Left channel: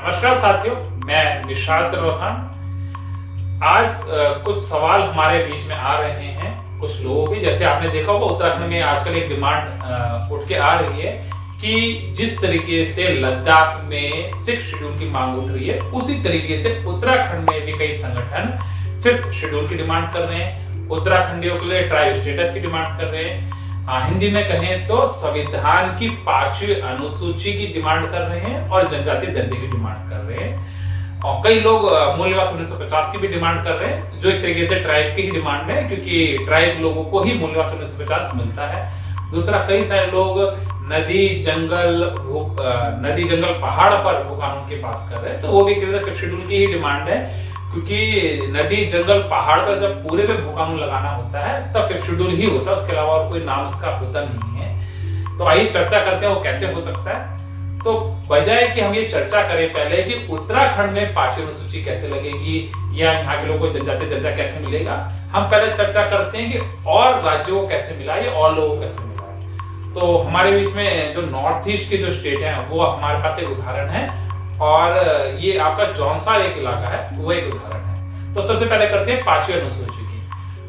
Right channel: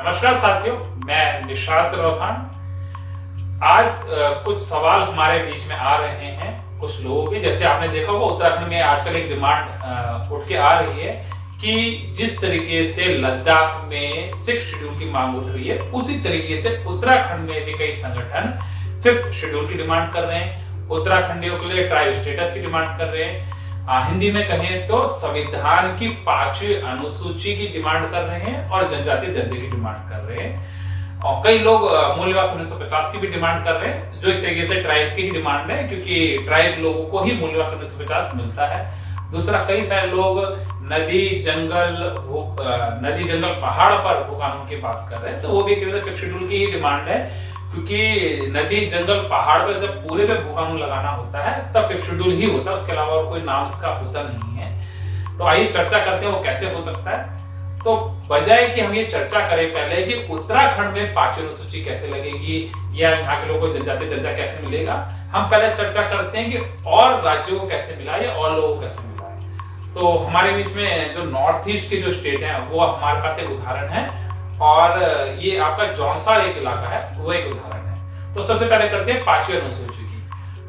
नमस्कार साथियों, मैं निशात रोहान। आज कुछ सवाल हमारे बीच में आ रहे हैं कुछ लोगों के। जैसे आपने देखा होगा उत्तराखंड में आजकल एक डिमांड उठ के आ रही है कि जिस तरीके से लद्दाख में 6th शेड्यूल की मांग उठ रही है, उसी तरीके से उत्तराखंड में भी कई संगठन 5th शेड्यूल की डिमांड कर रहे हैं। उत्तराखंडियों के लिए ट्राइब स्टेटस की डिमांड कर रहे हैं। हिंदी में कहें तो संविधान की 5वीं अनुसूची की डिमांड कर रहे हैं और जनजातीय दर्जे की डिमांड कर रहे हैं। और कई लोग मूल्यवास 1950 की भी डिमांड कर रहे हैं, जो एक तरीके से ट्राइब की ही डिमांड है, क्योंकि ट्राइब लोगों को ही मूल्यवास 1950 मिलता है। दूसरा, कई सारे लोग नदी जंगल पहाड़ पर भू कानून की बात कर रहे हैं, तो वो भी 5th शेड्यूल की ही डिमांड है, क्योंकि नदी जंगल पहाड़ पर जब पूरे में भू कानून लगाना होता है तब 5th शेड्यूल ही होता है, उसके अलावा और कोई नाम उसका होता नहीं है। तो आइए चर्चा करते हैं वो कैसे हो सकता है। तो बजाय कि हम ये चर्चा करें पहले कि उत्तराखंड में 5वीं अनुसूची कैसे लगेगी या यहाँ के लोगों को जनजातीय दर्जा कैसे मिलेगा, हम पहले चर्चा करते हैं कि और राज्यों को कैसे मिला या और लोगों को कैसे मिला है। तो हमारे बीच में जो नॉर्थ ईस्ट के जो स्टेट हैं वो हमारे पास एक उदाहरण है, और ये आपका जौनसार एक इलाका है, वो एक उदाहरण है। तो सबसे पहले करते हैं 5वीं अनुसूची की।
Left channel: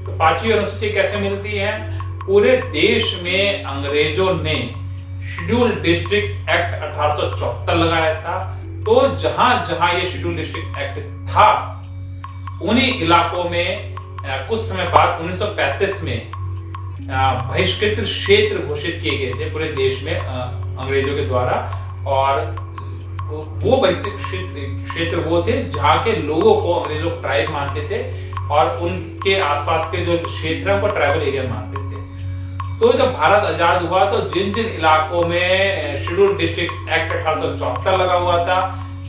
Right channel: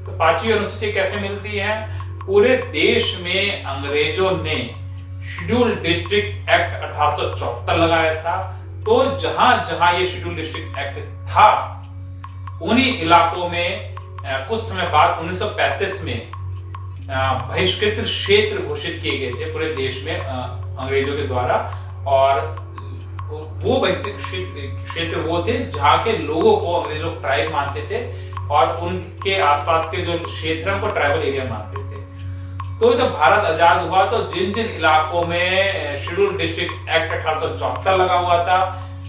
तो 5वीं अनुसूची कैसे मिलती है? पूरे देश में अंग्रेजों ने शेड्यूल डिस्ट्रिक्ट एक्ट 1874 लगाया था। तो जहां जहां ये शेड्यूल डिस्ट्रिक्ट एक्ट था, उन्हीं इलाकों में कुछ समय बाद 1935 में बहिष्कृत क्षेत्र घोषित किए गए थे पूरे देश में अंग्रेजों के द्वारा। और वो बहिष्कृत क्षेत्र वो थे जहां के लोगों को अंग्रेज लोग ट्राइब मानते थे, और उनके आसपास के जो क्षेत्र है उनको ट्राइबल एरिया मानते थे। तो जब भारत आजाद हुआ तो जिन जिन इलाकों में शेड्यूल डिस्ट्रिक्ट एक्ट 1874 लगा हुआ था,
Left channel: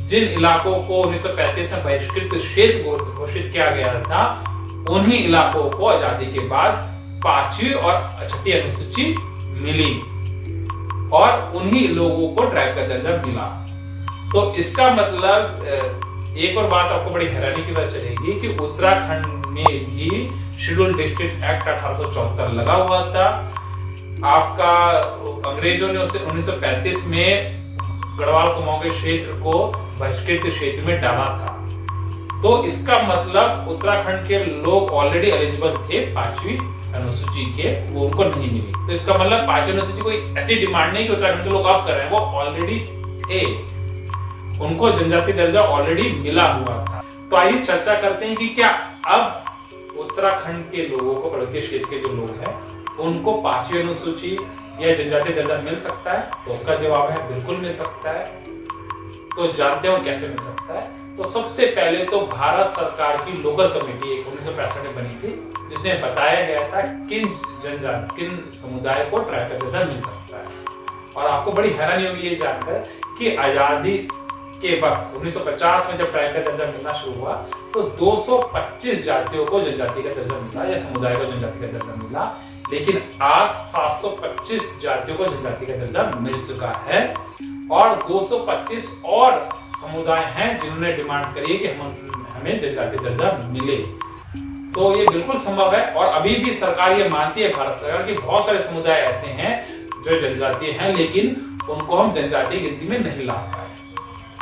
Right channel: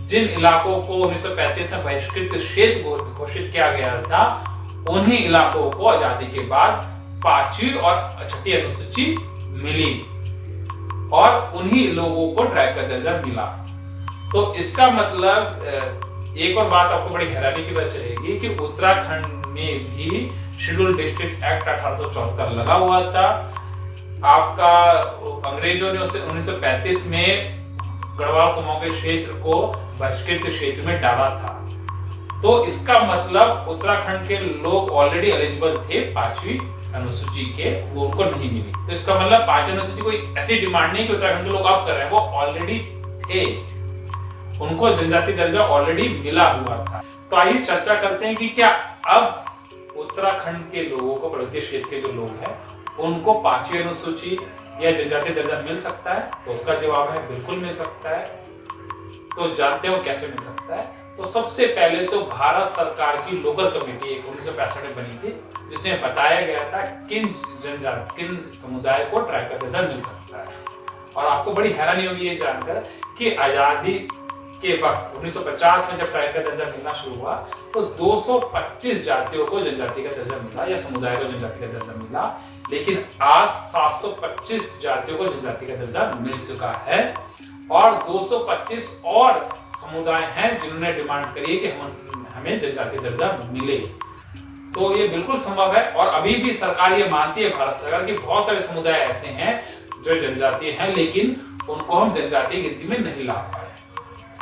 जिन इलाकों को 1935 में बहिष्कृत क्षेत्र घोषित किया गया था, उन्हीं इलाकों को आजादी के बाद 5वीं और 6ठी अनुसूची मिली और उन्हीं लोगों को ट्राइब का दर्जा मिला। तो इसका मतलब एक और बात आपको बड़ी हैरानी की बात चलेगी कि उत्तराखंड में भी शेड्यूल डिस्ट्रिक्ट एक्ट 1874 लगा हुआ था। आपका अंग्रेजों ने उसे 1935 में गढ़वाल कुमाऊं के क्षेत्र को बहिष्कृत क्षेत्र में डाला था। तो इसका मतलब उत्तराखंड के लोग ऑलरेडी एलिजिबल थे 5वीं अनुसूची के, वो उनको नहीं मिली। तो इसका मतलब 5वीं अनुसूची कोई ऐसी डिमांड नहीं कि उत्तराखंड के लोग अब कर रहे हैं, वो ऑलरेडी थे, उनको जनजाति दर्जा ऑलरेडी मिला हुआ था। तो आइए चर्चा करते हैं कि क्या अब उत्तराखंड के लोगों को, पर्वतीय क्षेत्र के जो लोग हैं, उनको 5वीं अनुसूची या जनजाति दर्जा मिल सकता है? तो उसका जवाब है बिल्कुल मिल सकता है। तो जानते हो कैसे मिल सकता है? तो सबसे पहले तो भारत सरकार की लोकल कमेटी एक 1965 में बनी थी, जिसमें बताया गया था किन समुदाय को ट्राइब का दर्जा मिल सकता है। और आपको बड़ी हैरानी होगी ये जानकर कि आजादी के वक्त 1950 में जब ट्राइब का दर्जा मिलना शुरू हुआ तो 225 जातियों को जनजाति का दर्जा मिला या समुदाय को जनजाति का दर्जा मिला, लेकिन आज 725 जातियों को जनजाति का दर्जा मिल चुका है और 225 और समुदाय हैं जिन्होंने डिमांड करी है कि हमें जनजाति दर्जा मिले। तो ये बिल्कुल संभव है, और अभी भी सरकार ये मानती है, भारत सरकार, कि बहुत सारे समुदाय ऐसे हैं जो जनजातीय हैं, लेकिन उनको हम जनजातीय गिनती में नहीं ला पाए।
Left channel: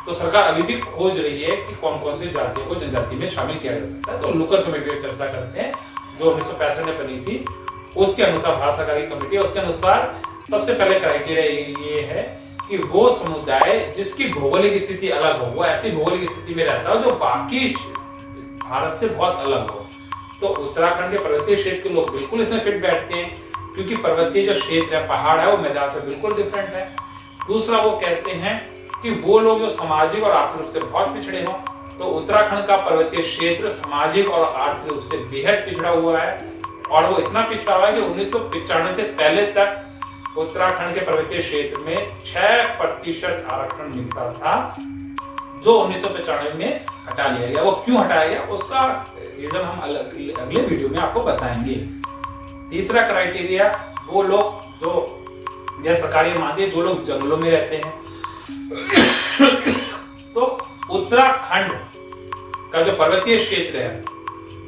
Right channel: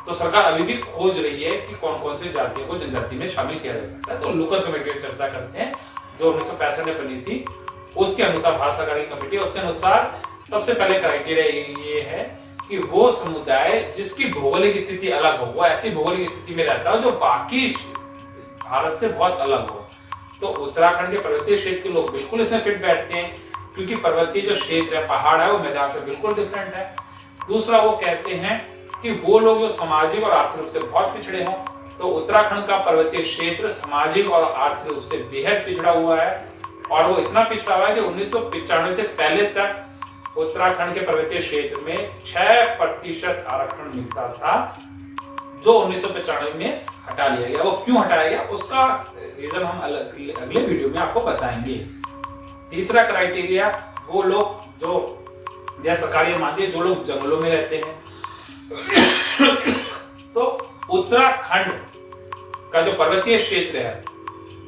तो सरकार अभी भी खोज रही है कि कौन कौन सी जातियों को जनजाति में शामिल किया जा सकता है। तो लोकल कमेटी की चर्चा करते हैं जो 1965 में बनी थी, उसके अनुसार भारत सरकार की कमेटी, उसके अनुसार सबसे पहले क्राइटेरिया ये है कि वो समुदाय जिसकी भौगोलिक स्थिति अलग हो, वो ऐसी भौगोलिक स्थिति में रहता हो जो बाकी भारत से बहुत अलग हो। तो उत्तराखंड के पर्वतीय क्षेत्र के लोग बिल्कुल इसमें फिट बैठते हैं, क्योंकि पर्वतीय जो क्षेत्र है, पहाड़ है, वो मैदान से बिल्कुल डिफरेंट है। दूसरा, वो कहते हैं कि वो लोग जो सामाजिक और आर्थिक रूप से बहुत पिछड़े हों। तो उत्तराखंड का पर्वतीय क्षेत्र सामाजिक और आर्थिक रूप से बेहद पिछड़ा हुआ है, और वो इतना पिछड़ा हुआ है कि 1995 से पहले तक उत्तराखंड के पर्वतीय क्षेत्र में 6% आरक्षण मिलता था, जो 1995 में हटा लिया गया। वो क्यों हटाया गया, उसका रीजन हम अगले वीडियो में आपको बताएंगे। तीसरा क्राइटेरिया, वो लोग जो, जैसा सरकार मानती है, जो लोग जंगलों में रहते हैं। तो उत्तराखंड का जो पर्वतीय क्षेत्र है,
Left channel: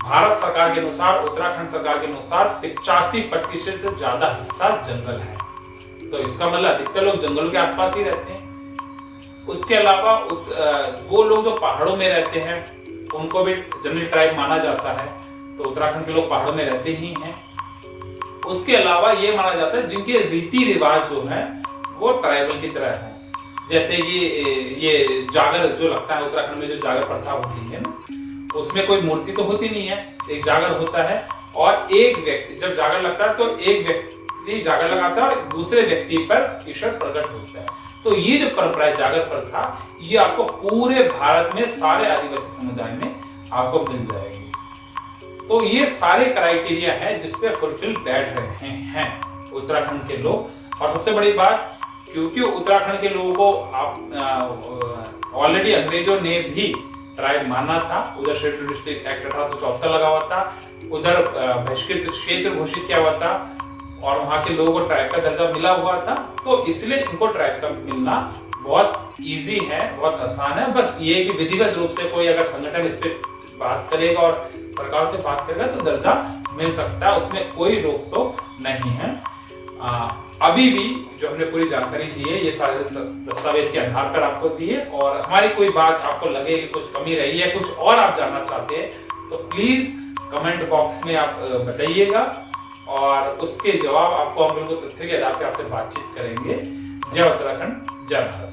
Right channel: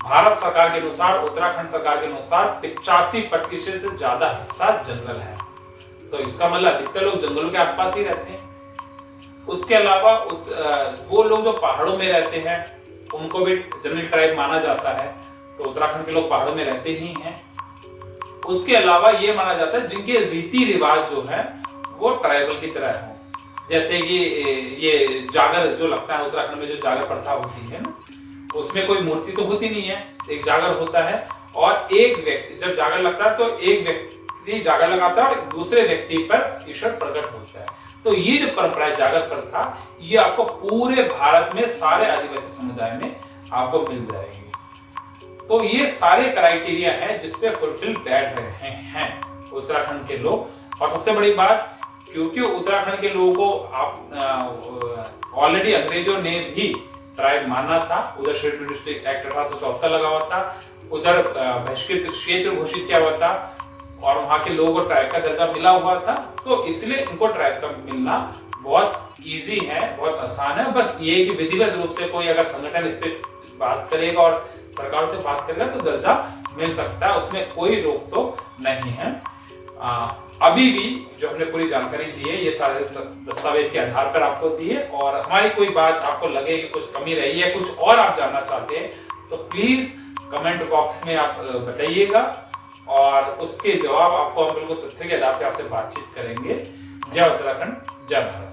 भारत सरकार के अनुसार, उत्तराखंड सरकार के अनुसार 85% से ज्यादा हिस्सा जंगल है। तो इसका मतलब अधिकतर लोग जंगलों के आसपास ही रहते हैं। उसके अलावा वो लोग जो पहाड़ों में रहते हैं उनको भी जनरल ट्राइब माना जाता है, तो उत्तराखंड के लोग पहाड़ों में रहते ही हैं। उसके अलावा ये माना जाता है जिनके रीति रिवाज जो है वो ट्राइबल की तरह है। जैसे कि ये जागर जो लगता है उत्तराखंड में, जो जागर प्रथा होती है ना, उसमें कोई मूर्ति तो होती नहीं है, एक जागर होता है और एक व्यक्ति जब जागर लगता है तो एक व्यक्ति जागर लगाता है और दूसरे व्यक्ति पर ईश्वर प्रकट होता है। तो ये जो परंपरा है जागर प्रथा, ये आपको पूरे भारत में सारे आदिवासी समुदाय में आपको मिल जाएगी। तो ये सारे क्राइटेरिया हैं जिसपे फुलफिल बैठ रहे हैं उत्तराखंड के लोग। और सबसे बड़ी बात, क्योंकि उत्तराखंड के लोगों को आप ऑलरेडी अंग्रेजों ने भी ट्राइब माना था, उधर शेड्यूल डिस्ट्रिक्ट एक्ट 1874 लगा हुआ था, उधर बहिष्कृत क्षेत्र घोषित किया हुआ था और वहां के लोगों को ट्राइब का दर्जा मिला हुआ था। तो इसलिए इनको ट्राइब का मिलना बहुत इजी है, बहुत आसान है। बस ये कि विधिवत रूप से कोई अगर संगठन इस पे बात करेगा और सरकार से बात करेगा तो दर्जा मिल सकता है, उसमें कोई रोक टोक नहीं है। अभी भी जो हमने पूरी जानकारी दी है ये सारे दस्तावेज के आधार पर आपको दी है, और हमारी कोई बात आपको लगे कि कुछ कमी रही है, कुछ और आप जानना चाहते हैं तो प्लीज कमेंट बॉक्स में आप बताइएगा और उसके जवाब आपको हम बिल्कुल तथ्य के आधार पर आपसे बातचीत करेंगे। जय उत्तराखंड, जय भारत।